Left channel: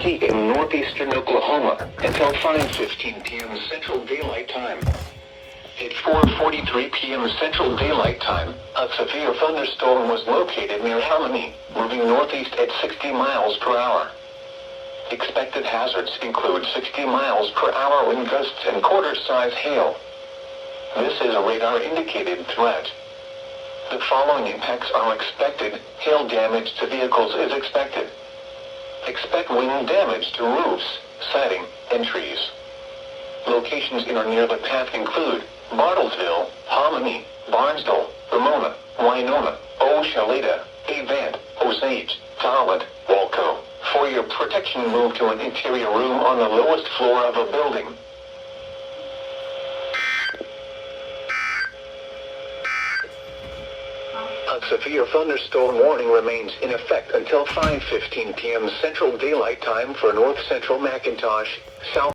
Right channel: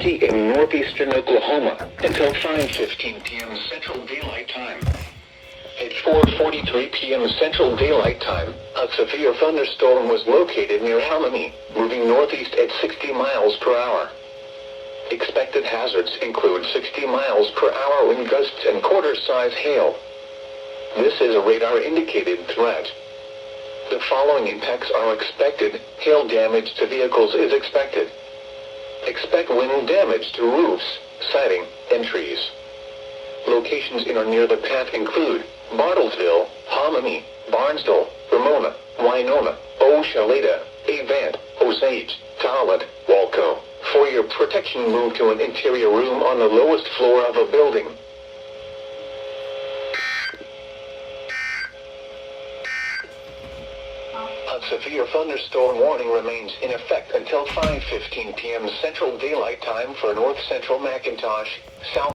possibility in northeastern Oklahoma until 5:15 p.m. Central Daylight Time. At 4:43 p.m. Central Daylight Time, a severe thunderstorm was located near Harmony, moving northeast at 60 miles per hour. Expected hazards include 60 miles per hour wind gusts and quarter-size hail. This is a radar-indicated threat. The following impacts are expected. Hail damage to vehicles is expected. Expect wind damage to roofs, siding, and trees. Locations in or near the path include Bartlesville, Hominy, Barnesville, Ramona, Winona, Oshaleta, Avant, Osage, Talent, Walco. For your protection, move to an interior room on the lowest floor of a building. A severe thunderstorm warning remains in effect until 5:15 p.m. Central Daylight Time for North Central McIntosh, South